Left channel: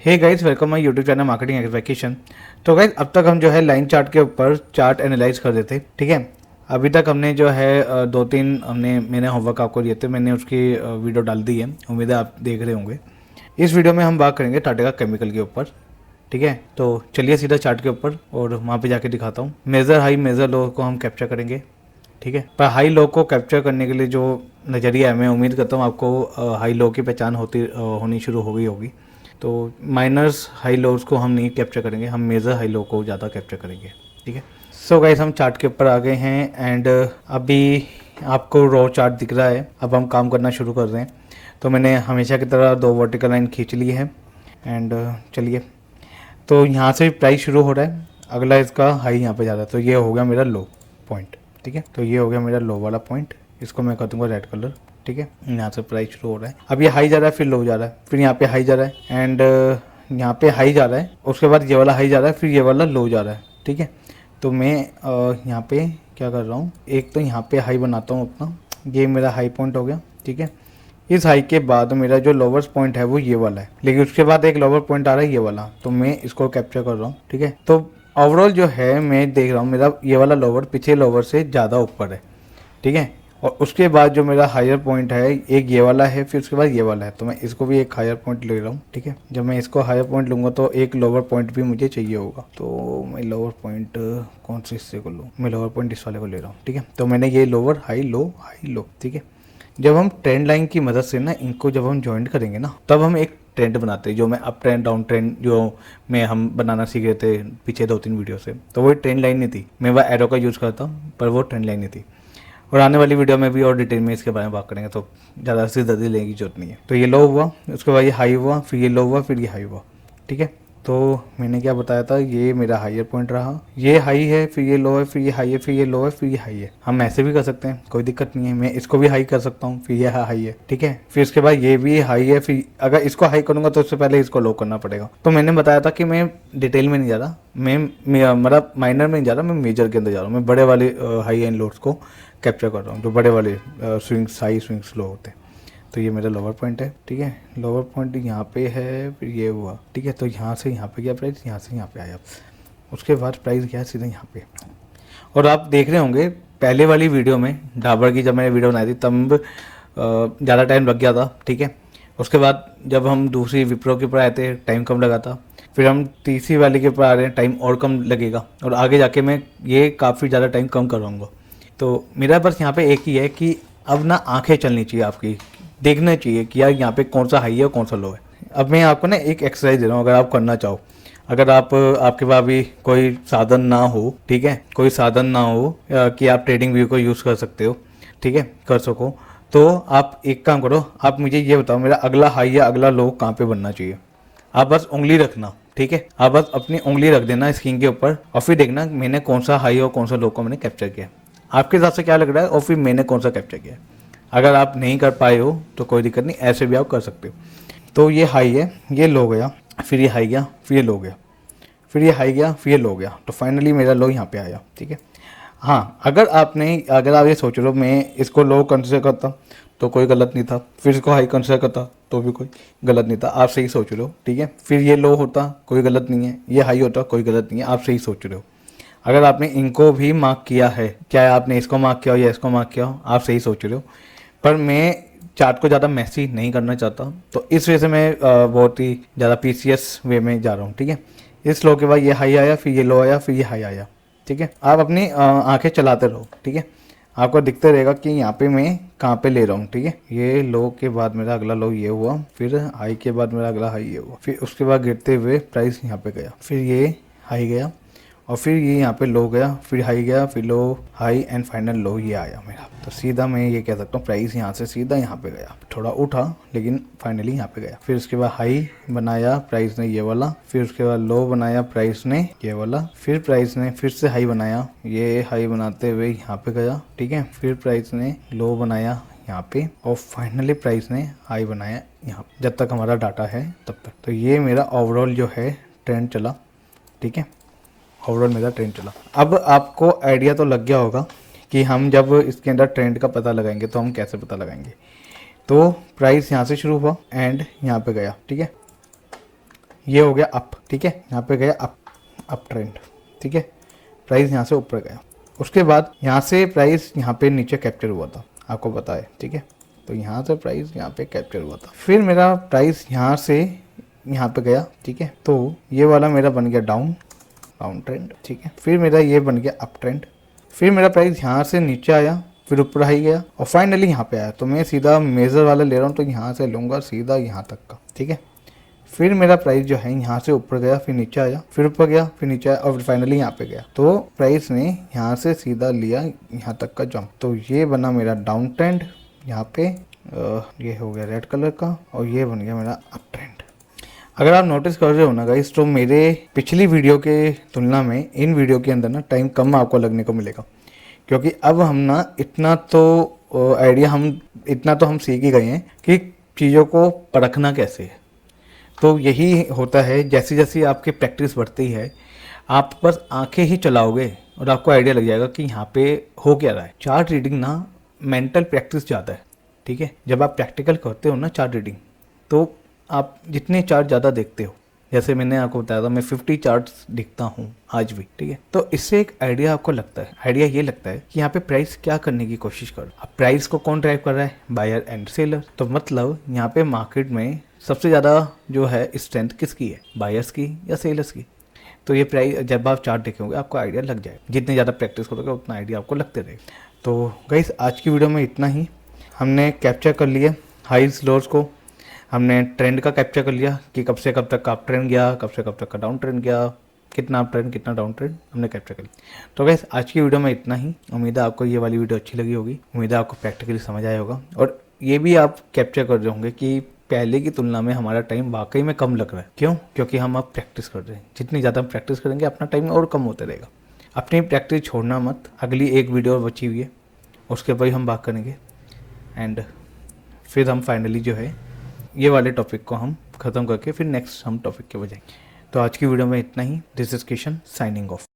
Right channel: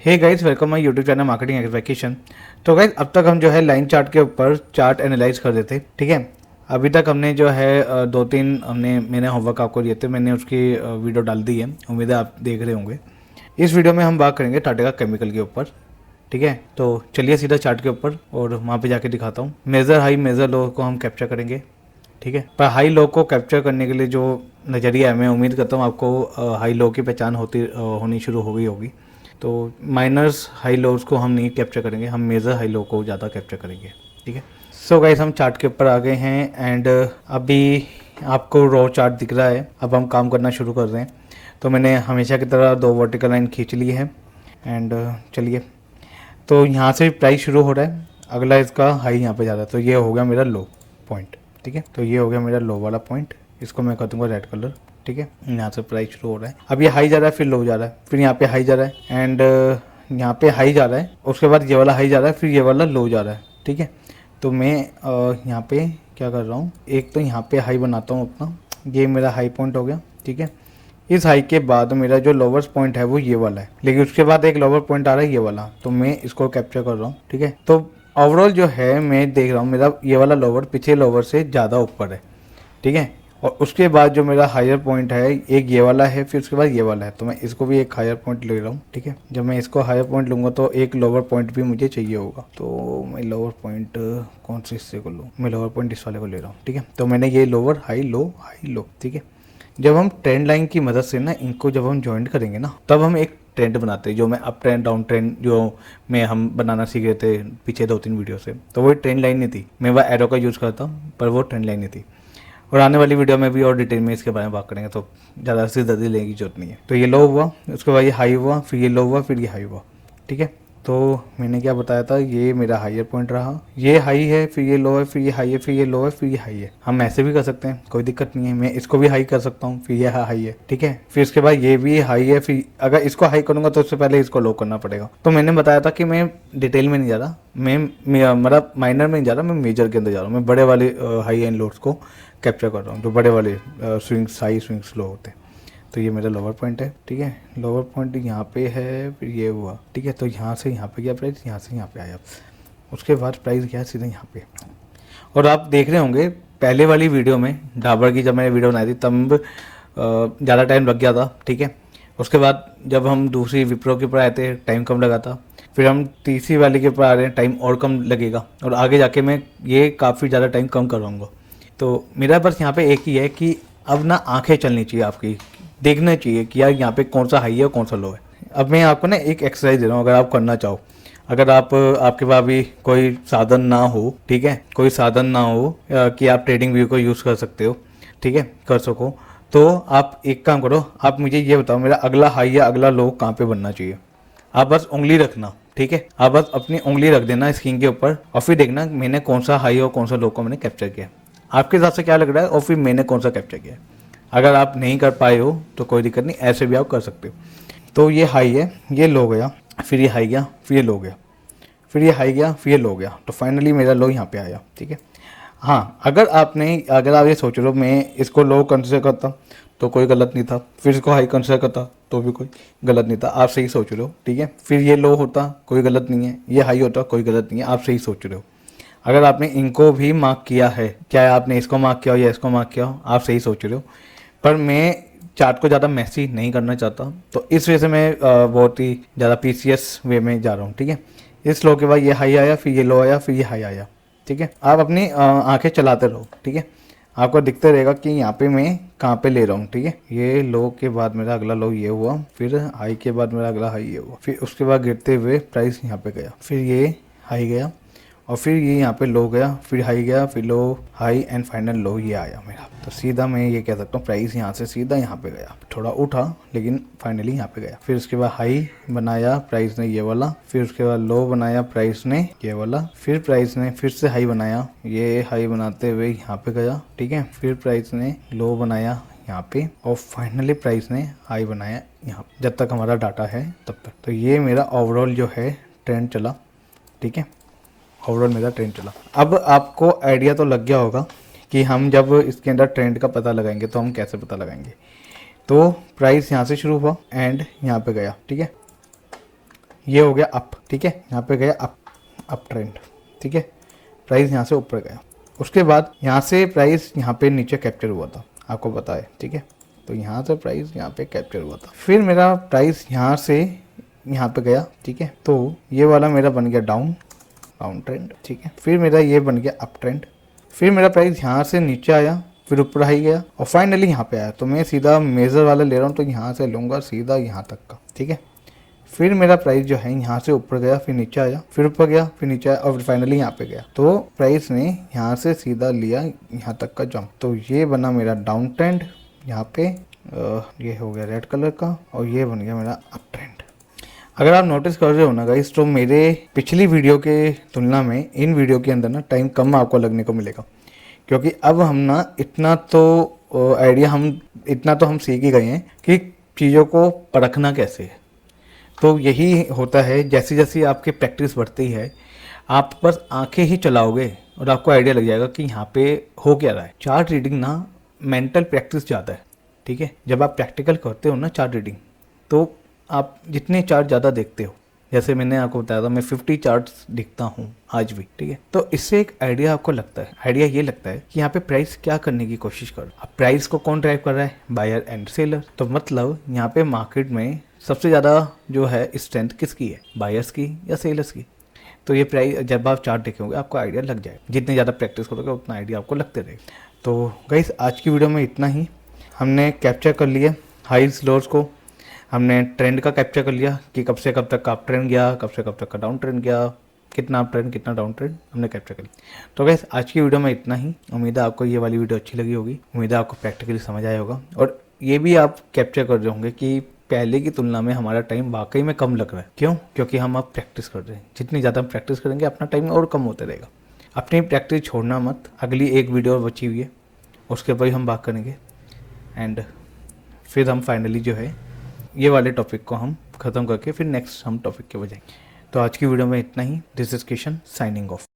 Hey guys, welcome my YouTube channel marketing execution. तो guys, अब तक हम जो है लाइन चार्ट के ऊपर चार्ट एनालाइज कर रहे थे, ठीक है। अभी तक हमने जो है दो तीन मैंने होमवर्क आपको दिए थे, मैंने उसकी वीडियो डाल दी है, उम्मीद है आप देख रहे होंगे। इस वीडियो में हम बात करेंगे टाटा केमिकल के ऊपर, ठीक है। तो चलिए सीधा चार्ट के ऊपर और वहाँ पे जाके दिखाता हूँ। मेजर हाई मेजर लो को हम कैप्चर करेंगे, ठीक है। पर हाई लो को कैप्चर करने के लिए जो नज़रिया है, मैं उम्मीद करता हूँ आपको हाई लो की पहचान होनी शुरू हो गई होगी। तो माइनर्स हाई लोज को हम नहीं कैप्चर करेंगे, हम मेजर हाई लो को ज़्यादा कैप्चर करेंगे, ठीक है। सो गाइस, हम चार्ट के ऊपर आ गए हैं एंड अभी आपको रो चार्ट दिख रहा है। अब हम काम करना शुरू कर रहे हैं। तो मैंने हमेशा की तरह दो वर्टिकल लाइन खींच ली है एंड चलिए। तो यहाँ से प्राइस शुरू हो रहा है, अगला इसका हाई यहाँ पे जा रहा है, तो ये हो गया मेरा लो पॉइंट, ठीक है। तो ये हो गया मेरा लो वाला पॉइंट, इसको मैं कर दूंगा रेड कलर, ठीक है। यहाँ से प्राइस शुरू हो रहा है, अब ये हाई जा रहा है, फिर लो जा रहा है, फिर यहाँ पे हाई जा रहा है एंड यहाँ पे हाई जा रहा है, उसके बाद ये वाला हाई जा रहा है, फिर ये वाला लो जा रहा है, ठीक है। तो मैं यहाँ पे क्या कर रहा हूँ, एक तो यहाँ पे हाई बनाता हूँ अपना, ये मेरा हाई पॉइंट हो गया, ठीक है। इस हाई के बाद मेरा जो लोअर पॉइंट है वो ये वाला है, लेकिन उसके बाद एक लोअर पॉइंट आ रहा है ये वाला, तो मैं इसको कैप्चर कर रहा हूँ, ठीक है। तो ओवरऑल जो है मैं देख रहा हूँ मेरा ये वाला लोअर पिछले लोअर से ज़्यादा ऊपर है, ठीक है। और उसके बाद जो मेरा हायर पॉइंट है एक ये वाला है, फिर उसके बाद ये वाला है, तो मैं इसको भी एक हायर पॉइंट ले रहा हूँ, ठीक है। जब मैं इसको हायर पॉइंट लूँगा तो एक लोअर पॉइंट भी मुझे चाहिए होगा, तो मैं लोअर पॉइंट कौन से हिस्से को लूँ, मैं लोअर पॉइंट इस वाले को ले रहा हूँ, ठीक है। तो मैंने ये लोअर हाई लो, ठीक है। जब हम ट्रेंड लाइन की मदद से ना इनको जब हम ज्वाइंट करेंगे ना, तब हम एक ट्रेंड बनाते हैं, जो मैं अप ट्रेंड डाउन ट्रेंड जो मैं हम बनाना सीख रहे थे पीछे 2-3 वीडियो से, तो वो ट्रेंड लाइन नहीं थी, मैं वह एरो का यूज़ करता हूँ, पर वो ट्रेंड लाइन नहीं थी। और आने वाली वीडियो में भी और डिटेल में इसके बारे में बात करेंगे, तो ज़्यादा से ज़्यादा लेने की जरूरत नहीं है। तो ये लो हुआ, उसके बाद ये हाई हुआ, फिर ये लो हुआ, फिर ये हाई हुआ, ठीक है। तो मैंने क्या बताया था, ये मेरा हाईयर पॉइंट रहा, ये हाई है, फिर ये लो है, फिर ये हाई है, फिर ये लो है, फिर ये हाई है। हम ऐसे भी कर सकते हैं, कोई दिक्कत नहीं है, मैं इसको भी हाई कर सकता हूँ, फिर ये हाई है, ठीक है। फिर इसके बाद ये भी हाई है, फिर अगर इसको हाई करूंगा तो उससे पहले इसको लो करना पड़ेगा। तो मैंने बताया था कि मैं डिटेल में नहीं जा रहा, मैं मतलब माइनर में नहीं जा रहा, मैं मेजर के अंदर जा रहा हूँ। मैं बड़े वाले हाई एंड लोड्स को कैप्चर कर रहा हूँ, जो बड़े वाले स्विंग्स हाई स्विंग्स लो होते हैं। तो ये मेरा लोअर पॉइंट है, ठीक है। लोअर पॉइंट यहाँ पे है, फिर ये हुआ, ठीक है। तो यहाँ से यहाँ पे गया प्राइस, यहाँ से यहाँ पे आया, उसके बाद प्राइस गया सीधे यहाँ पे। और आप देख रहे होंगे पहले वाली वीडियो में डाबर की जब मैंने वीडियो बनाई थी तब ज़्यादा टाइम लग गया था, ठीक है। उसके बाद जब हम दूसरी विप्रो के ऊपर आए थे टाइम कम लगा था, फिर हम तीसरी वाली के ऊपर आ रहे हैं, टाइम और कम लगेगा, और आगे जाके मैं ये काफ़ी ज़्यादा टाइम कम करवाऊँगा। तो मेरा बस यहाँ पे एक ही है कि अब ना आंखें चलनी चाहिए आपकी, देखना चाहिए कि यार यहाँ पे कौन सा हाई है और कौन सा लो है। अब मैं आपको ना एक एक्सरसाइज दे रहा हूँ, अगर आप करना चाहो, अगर आप आपके पास भी कोई साधन ना हो, ठीक है, कोई साधन ना हो कि आप ट्रेडिंग व्यू को यूज़ कर सकते हो, ठीक है, कर सको, तो आप एक काम करो, आप मुझे ये बताओ मेरा अगला हाई या अगला लो कहाँ पे बनना चाहिए। आप बस उंगली रखना, ठीक है, आप बस अपनी उंगली रख देना स्क्रीन के ऊपर, और फिर देखना मैंने कौन सा हाई और कौन सा लो को मैंने कैप्चर किया, आपके हिसाब से क्या लग रहा है, और फिर मैंने कौन सा कैप्चर किया। अगर आप नहीं कर पाए हो तो कोई दिक्कत नहीं, ऐसे भी आप कर सकते हो। तो ये हाई है, ये लो गया, फिर ये हाई गया, फिर ये लो गया, फिर ये हाई गया, फिर ये लो गया, तो फाइनली मेरा लो यहाँ पे आया, ठीक है। हाँ, अगर आप ये सोच लो मैं इसको लो कंसिडर करता तो कोई गलत नहीं था, फिर इसको हाई कंसिडर करता तो भी कोई गलत नहीं था, आप सही सोच रहे हो, ठीक है। फिर ये लो होता कोई गलत नहीं है, ये हाई होता कोई गलत नहीं है, आप सही सोच रहे हो। अगर आपने इनको भी मार्क किया है, चाहे आपने इसको मार्क किया हो या इसको मार्क किया हो, आप सही सोच रहे हो। पर मैं चार्ट को ज़्यादा मैसी नहीं करना चाहता, तो इस वजह से मैं बहुत ही ज़्यादा पीसीएस वे में जा रहा हूँ, ठीक है। इस लो के बाद ये हाई आया, फिर ये लो आया, फिर ये हाई आया, ठीक है। आप अपनी आंखें चलाते रहो, ठीक है, आपको दिखते रहेगा कि यहाँ पे मैं कहाँ पे ले रहा हूँ, ठीक है। ये लो के बाद मेरा अगला लो ये हुआ, फिर हाई के बाद मेरा अगला हाई ये हुआ, फिर उसके बाद गिरते हुए प्राइस यहाँ पे गया, फिर ये हाई गया, और फिर ये यहाँ पे लो गया, फिर हाई गया, फिर लो हाई एंड फाइनल लो ये आया मेरा। तो सीधा मैं ये कह सकता हूँ प्राइस यहाँ से सीधा यहाँ पे गया, थोड़ा उठा लेकिन फाइनली यहाँ पे गया। फिर उसके बाद हाई बनाया प्राइस ने ये वाला, फिर उसके बाद लो बनाया प्राइस ने ये वाला, फिर प्राइस ने फिर से हाई बनाया, ये हाई बनाते हुए यहाँ पे गया, ठीक है। फिर प्राइस ने लो बनाया यहाँ पे, और फाइनली प्राइस ने हाई बनाया यहाँ, जब तक हमारा डाटा है तब तक। तो ये मेरा ओवरऑल जो है ट्रेंड चला, ठीक है, ओवरऑल मेरा ट्रेंड चला। अब आपको आइडिया तो लग गया होगा कि हम जब इसके अंदर ट्रेंड का पता लगाएंगे तो हम कैसे पता लगाएंगे। तो प्राइस यहाँ से शुरू हुआ एंड यहाँ पे गया, ठीक है, ये हो गया अप, ठीक है, यहाँ पे गया अप ट्रेंड, ठीक है, प्राइस यहाँ से ऊपर गया। उसके बाद यहाँ से प्राइस यहाँ पे नीचे कैप्चर हुआ था, आपको पता है, ठीक है। तो यहाँ से प्राइस यहाँ पे कैप्चर हुआ था, फिर मेरा प्राइस यहाँ से यहाँ पे गया, ठीक है। तो ये वाला मेरा बन गया डाउन ट्रेंड, ठीक है। फिर मेरा ये बन गया अप ट्रेंड, फिर मेरा प्राइस यहाँ से नीचे आया, फिर ऊपर आई गया और फाइनली यहाँ पे आया। तो मैं सीधा मेजर वाला ले रहा हूँ, तो यहाँ से लूँगा सीधा यहाँ तक का, ठीक है। फिर मेरा प्राइस जो है यहाँ से ऊपर गया, फिर नीचे आया, फिर ऊपर गया, फिर नीचे आया और फाइनली यहाँ पे गया। तो प्राइस ने यहाँ से सीधा लिया यहाँ तक का जंप, तो ये बना मेरा डाउन ट्रेंड यहाँ पे। ये हो गया रेड कलर का और ये बन गया मेरा अप ट्रेंड। अगर आप नोटिस कर रहे हो ना गाइस, तो मेरे पिछली वीडियो के तुलना में इन वीडियो के अंदर ना टाइम कम आपको लगने को मिलेगा, क्योंकि अब हम ना इतना तो आइडिया इतना तो हम सीख ही गए हैं कि चीज़ों को परखना कैसे है। तो यही होता है, जैसे जैसे आपकी प्रैक्टिस बढ़ती है आप बस आंखें ही चलाओगे और आपको आइडिया लग जाएगा कि यहाँ पे हो क्या रहा है। चार्ट रीडिंग ना मेंटल प्रैक्टिस ज़्यादा है, ठीक है। जब आप प्रैक्टिकल करते हो ना चार्ट रीडिंग, तो आप जितनी चार्ट ज़्यादा देखते हो, जैसे मैंने आपको बताया था मैं 50 चार्ट्स दिखता हूँ आज भी, ठीक है। तो इससे एक आइडिया आपको लगता है, आइडिया ये लगता है कि यहाँ पे प्राइस क्या करने की कोशिश कर रहा है, प्राइस को कौन ड्राइव कर रहा है, बायर एंड सेलर। तो मतलब यहाँ पे मार्केट में सबसे ज़्यादा जो है स्ट्रेंथ किसकी है, बायर्स की या सेलर्स की। तो ये प्राइस जब आप चार्ट देखेंगे आपको आइडिया लग जाएगा, जितनी ज़्यादा प्रैक्टिस करोगे उतना आइडिया आपको लगते रहेगा। तो गाइस आज की वीडियो में इतना ही। हमने कैप्चर कर लिया हाइज लोज को, हमने ट्रेंड का कैप्चर कर लिया कि कब से कब तक का अप ट्रेंड गया, कब से कब तक का डाउन ट्रेंड गया, कितना अप ट्रेंड कितना डाउन ट्रेंड हमने कैप्चर कर लिया। तो गाइस आज की वीडियो में इतना ही। उम्मीद है आपको ये वाली वीडियो अच्छी लगी होगी, उम्मीद है आपको प्रैक्टिकली समझ आया होगा और ये भी आप कैप्चर कर रहे होंगे कि पहले की तुलना में हमारा टाइम वाकई में कम लग रहा है। क्यों? क्योंकि हम अब प्रैक्टिस कर रहे हैं। जितनी ज़्यादा हम प्रैक्टिस करेंगे अपना टाइम और कम होते रहेगा। अपनी प्रैक्टिस छोड़ना मत। अगली एक वीडियो बची हुई है, उसके ऊपर ही हम बात करेंगे एंड फिर हम फाइनली जो है ये वाले टॉपिक को हम ख़त्म करके फिर नेक्स्ट हम टॉपिक के बजाएंगे। तो आज की वीडियो में इतना ही। This is Kishan signing of.